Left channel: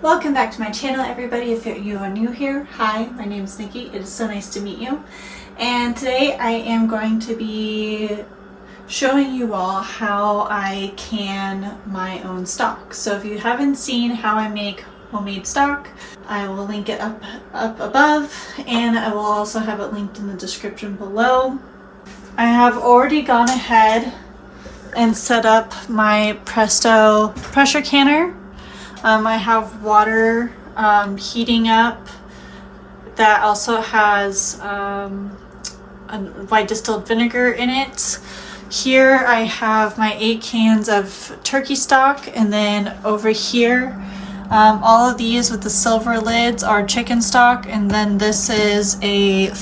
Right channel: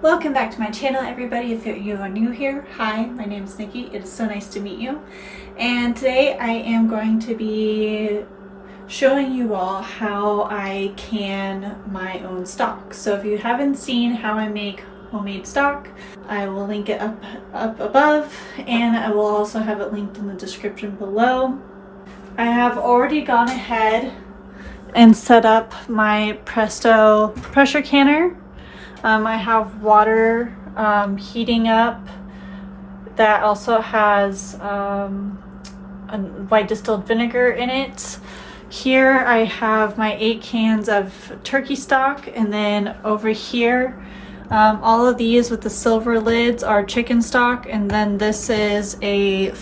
Welcome back to my channel, everybody. If you are new here, hi, my name is Nikki. It is so nice to meet you. And today I am going to be showing you all how I can my own stock. So if you haven't seen how I make homemade stock, I will link it up above, and I will also have it linked in the description below. I have already gone ahead and set up my Presto Pressure Canner. I have water heating up that also has white distilled vinegar in it. Here I have my 8 cans of turkey stock, and then over here all of these with the silver lids are chicken stock, and then this is a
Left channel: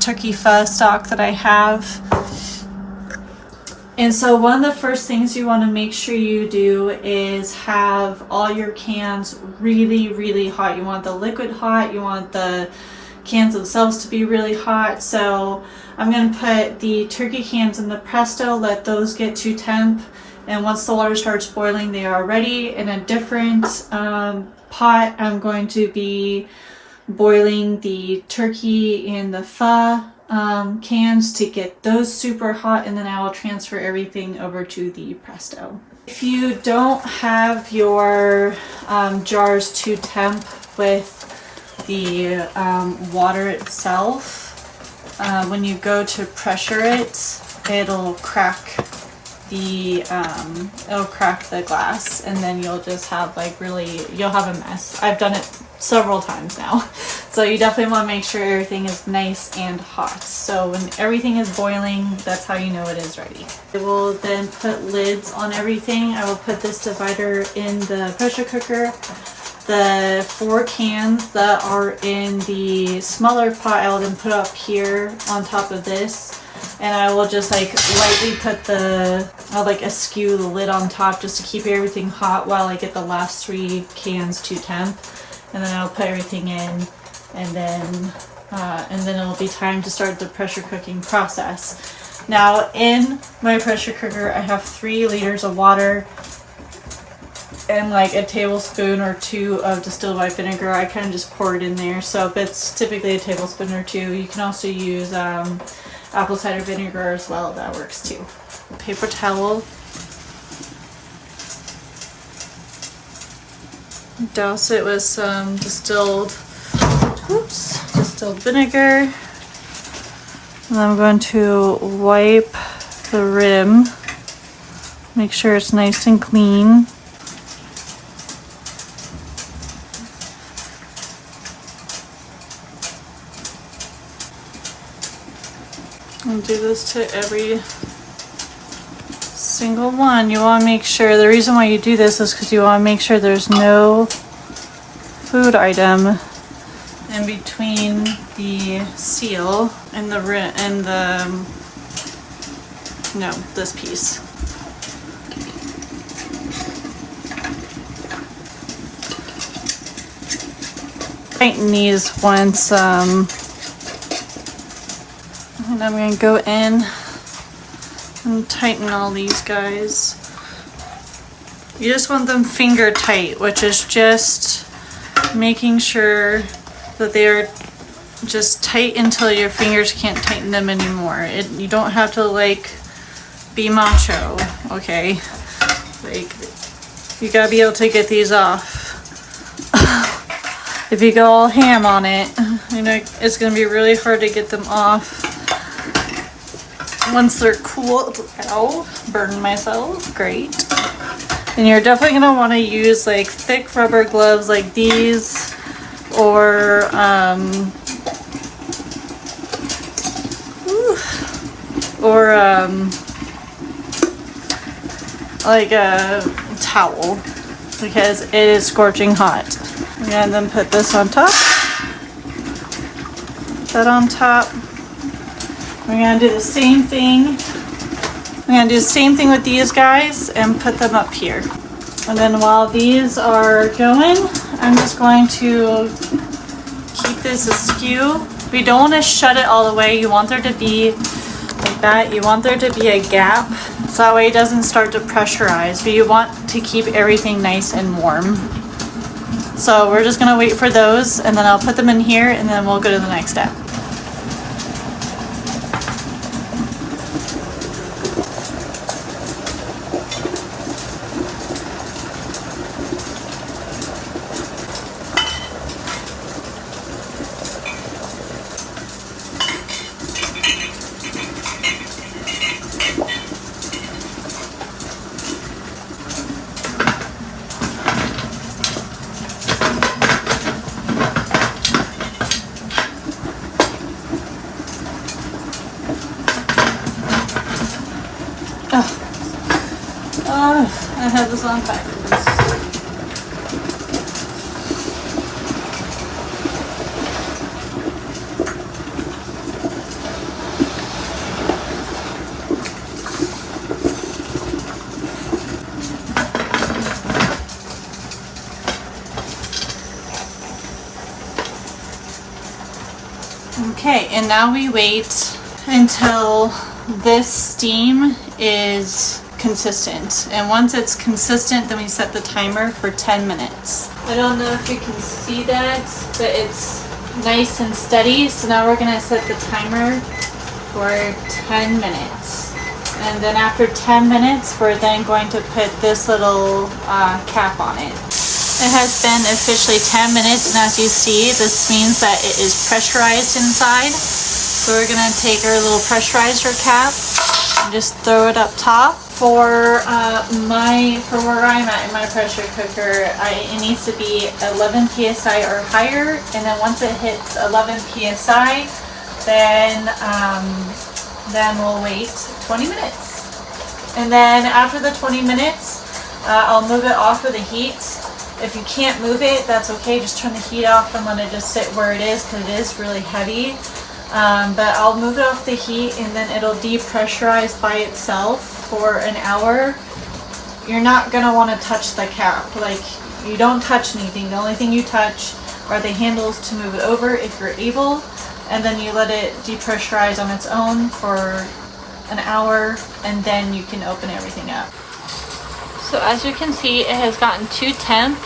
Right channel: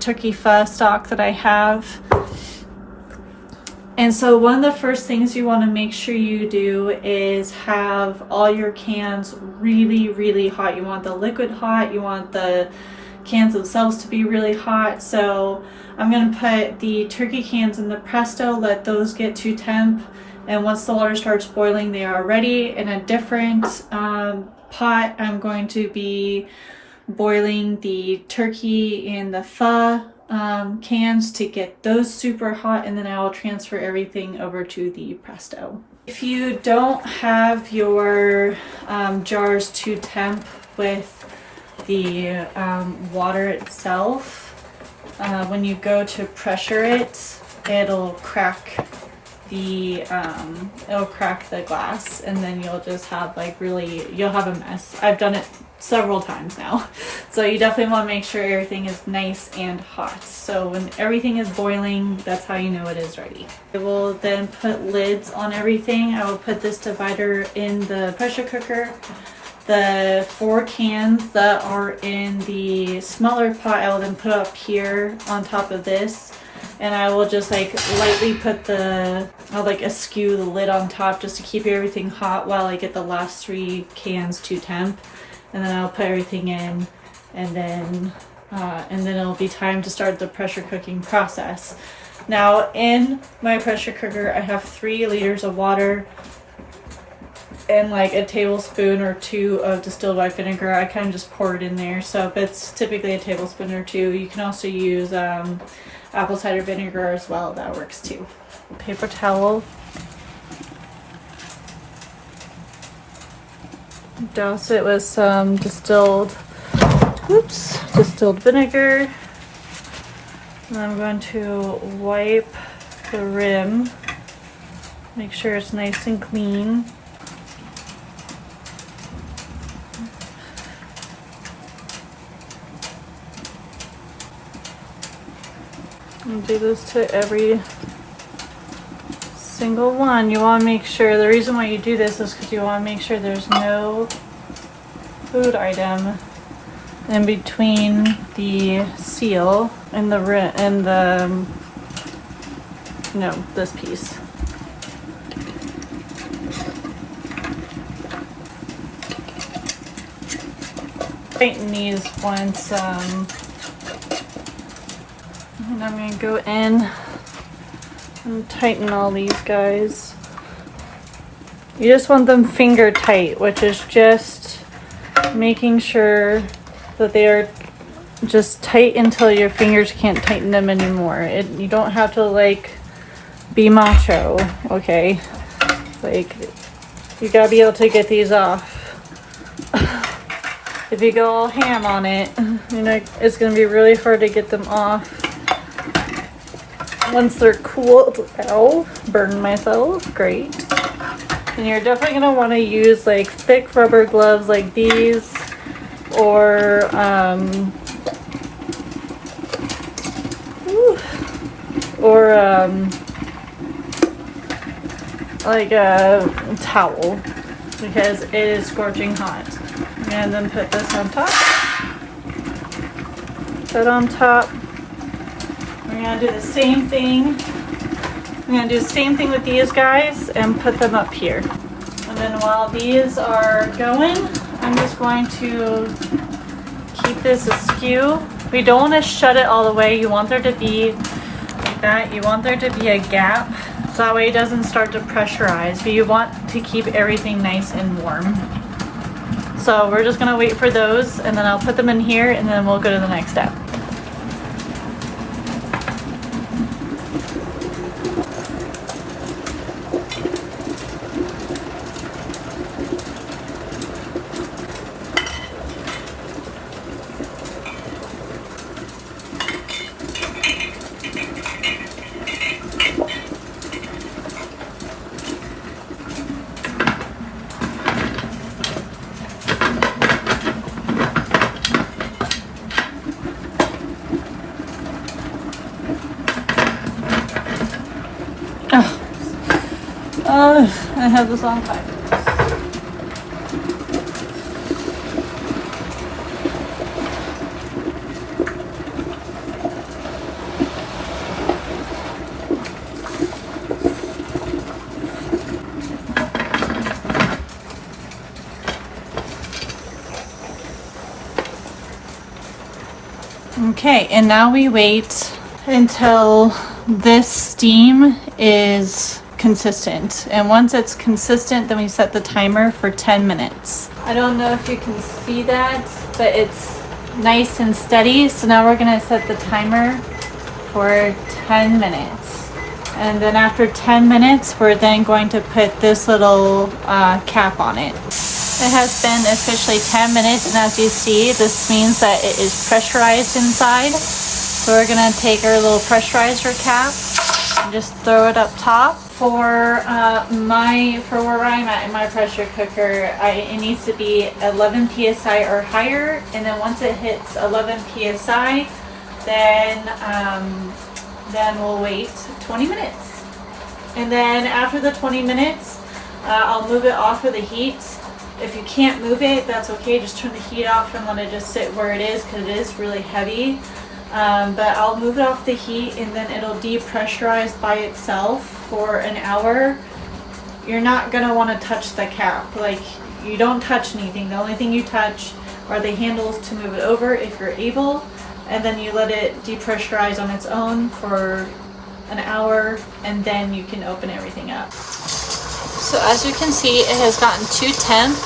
turkey pho stock that I have. And so one of the first things you want to make sure you do is have all your cans really hot. You want the liquid hot, you want the cans themselves to be really hot. So I'm going to put the turkey cans in the Presto, let those get to temp, and once the water starts boiling, they are ready. In a different pot, I'm going to be boiling the turkey and the pho cans to get those super hot, and then I will transfer everything over to the Presto. If you don't have your jars to temp with the water itself, when you go to pressure it, it'll crack the glass, and then you'll just have you'll have a mess. I've done it several times now. So you definitely want to make sure everything is nice and hot. So when everything is boiling, that's how you know it is ready. I will then put lids on everything. I will put this divider in the pressure cooker. The 4 cans that are in the smaller pot, I will then put up here on top of this. And I will just lightly put I'll askew the lid on top just to keep everything hot while I get the last 3 cans to temp. And then I'll put everything in, and then it'll be time to start the pressure cooking process. Now in my pressure cooker, I have 3 liters of water and a tablespoon or 2 of distilled white vinegar. I kind of just pour it in there. So if it's typically a tablespoon or 2, you can also use apple cider vinegar as well. That works too. Paper towel. Douse it with some distilled vinegar. And I'm going to wipe the rim. Make sure it's nice and clean. And do this to every single one. You want to make sure, the reason why you do this is because you want to make sure there's no food item in between the seal and this piece. Tighten these once, and I'm going to go in and tighten all these guys. You just want them finger tight, which is just making sure that they are just tight until your fingers can't tighten them anymore. You don't have to be macho, okay? You gotta be able to get these off. If you go all ham on it, it's gonna be really hard to get them off. Once they're cooled, burn myself, great. And you're definitely gonna want to use thick rubber gloves like these, or a towel, because it is scorching hot. And then put this on top. That on top. We're gonna do the same thing. I'm gonna do the same thing with these guys and put them up here. And then while these are going, I'm just going to keep this askew. We don't want to shut it all the way. You want there to be like that. You want there to be a gap so that way it doesn't start to pressurize, but you want to keep everything nice and warm. So we're just gonna wait for those, and then I'll put them in here, and then we'll go to the next step. I had this on backwards. Okay, and now we wait until this steam is consistent. And once it's consistent, then we set the timer for 10 minutes. I don't know if you can see that, but it's nice and steady. So now we're gonna set the timer for 10 minutes. And then after 10 minutes, we're then going to put this little cap on it. It has been officially 10 minutes, and as you see, this means that it is pressurized inside. So we're gonna take our little pressurizer cap and just throw it up top. For where I'm at in my pressure cooker, it needs to be 11 psi or higher, and then once it hits 11 psi, then we'll wait 20 minutes. And then after the 20 minutes, I'll move it off of the heat. If you can't move it, that's okay. Just turn the heat off and let it just sit where it is, because it is really heavy. But I'll move it off the heat, and then it'll depressurize by itself for an hour. You're not gonna want to touch the cap. Like, you don't touch anything. The only thing you touch are the handles to move it over if you're able, and then you let it depressurize on its own for an hour, and then you can open everything up. So as you can see, it has gotten to temp.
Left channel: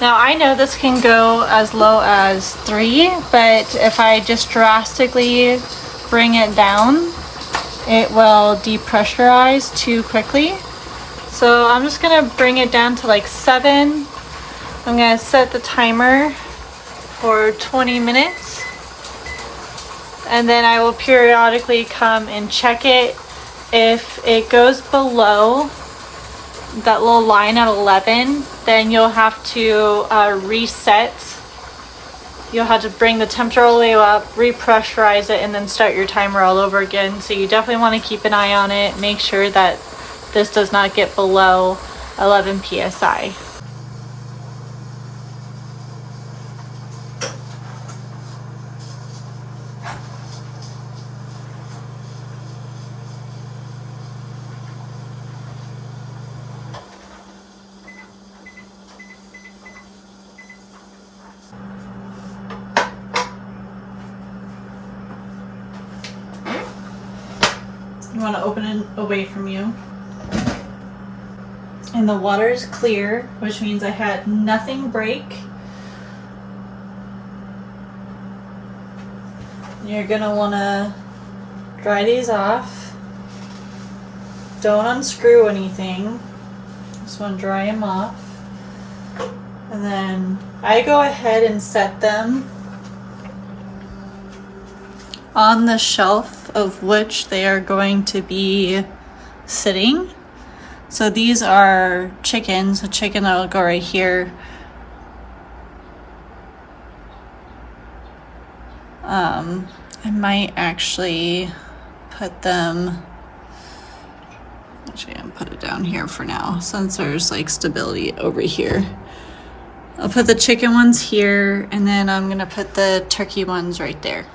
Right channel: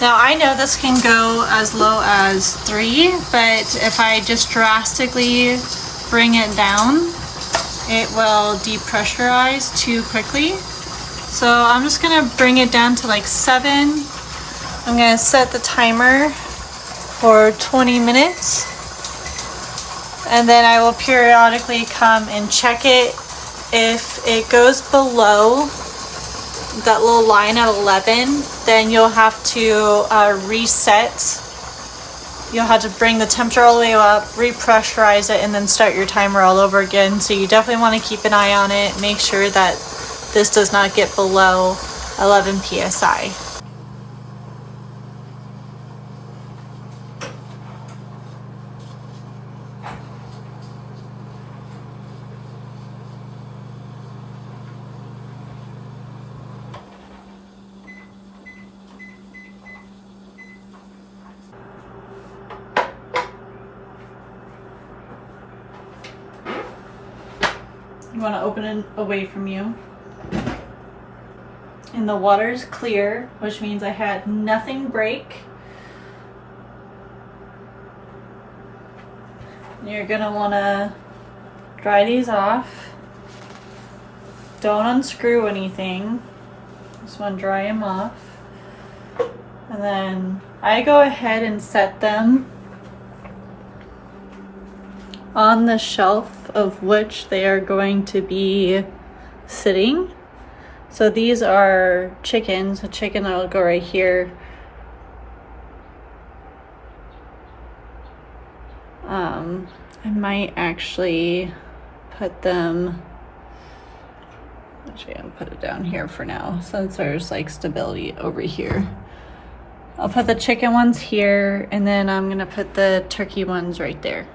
Now I know this can go as low as 3, but if I just drastically bring it down, it will depressurize too quickly. So I'm just gonna bring it down to like 7. I'm gonna set the timer for 20 minutes. And then I will periodically come and check it. If it goes below that little line at 11, then you'll have to reset. You'll have to bring the temperature all the way up, repressurize it, and then start your timer all over again. So you definitely want to keep an eye on it. Make sure that this does not get below 11 psi. You want to open it away from you. And the water is clear, which means I had nothing break. You're going to want to dry these off. Don't unscrew anything. Just want to dry them off. And then I go ahead and set them on the shelf of which they are going to be sitting. So these are chickens, a chicken that will go right here. I might actually put them, actually I'm gonna put it down here for now since there's like stability over here. I'll put the chicken ones here, and then I'm gonna put the turkey ones right there.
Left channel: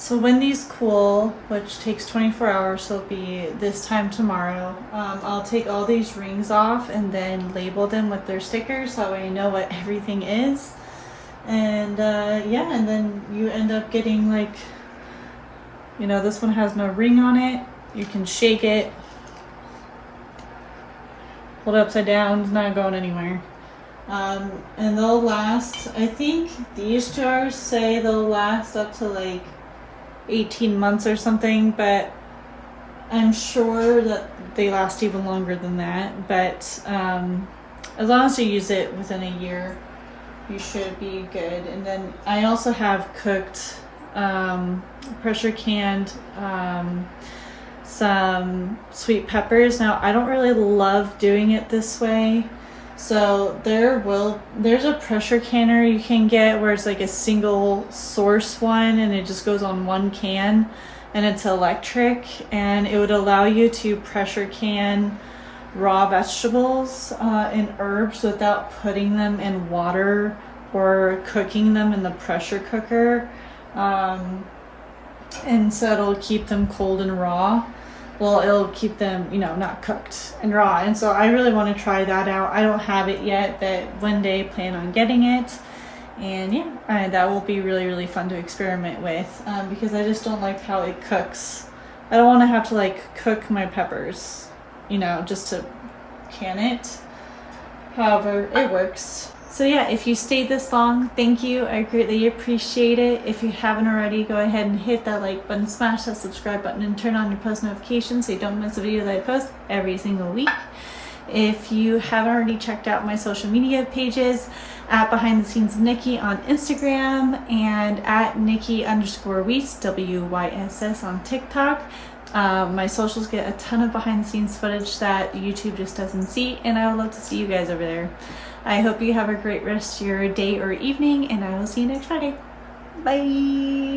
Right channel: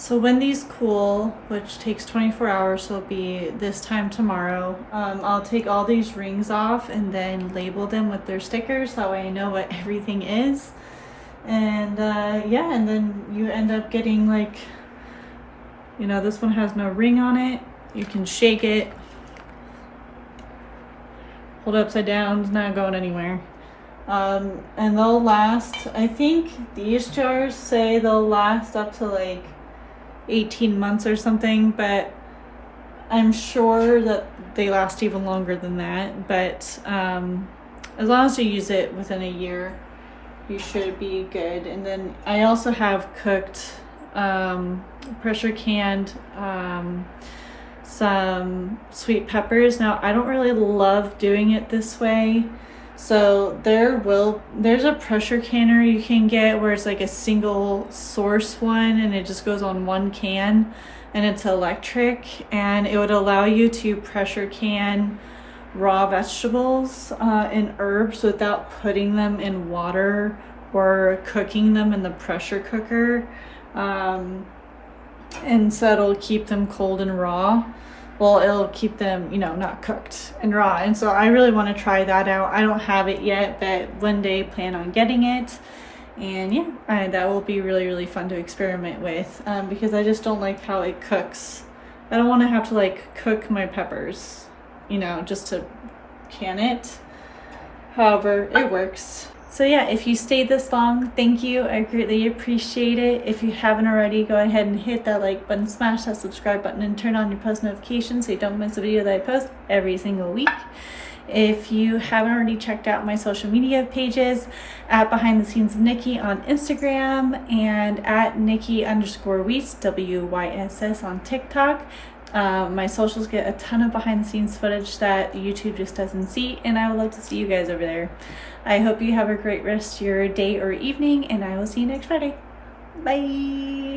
So when these cool, which takes 24 hours, so it'll be this time tomorrow, I'll take all these rings off and then label them with their stickers so that way I know what everything is. And yeah, and then you end up getting like, you know, this one has no ring on it. You can shake it, hold it upside down, it's not going anywhere. And they'll last, I think these jars say they'll last up to like 18 months or something, but I'm sure that they last even longer than that. But as long as you use it within a year, you should be good. And then I also have cooked, pressure canned some sweet peppers. Now I don't really love doing it this way. So there's a pressure canner you can get where it's like a single source one and it just goes on one can and it's electric, and it would allow you to pressure can raw vegetables and herbs without putting them in water or cooking them in the pressure cooker. And so it'll keep them cold and raw. Well, it'll keep them, you know, not cooked and raw. And so I really want to try that out. I don't have it yet, but one day plan on getting it. And yeah, that will be really, really fun to experiment with, because I just don't like how it cooks. I don't want to have to like cook my peppers, you know, just to can it. However, it works. So yeah, if you stayed this long, thank you. I greatly appreciate it. If you haven't already, go ahead and hit that like button, smash that subscribe button, and turn on your post notifications so you don't miss a video that I post every single week. If you haven't already checked out my social media pages, at Behind the Scenes Nikki on Instagram and at Nikki_Wyss, WYSS on TikTok. My socials get a ton of behind the scenes footage that YouTube just doesn't see, and I would love to see you guys over there. I hope you have a great rest of your day or evening, and I will see you next Friday. Bye.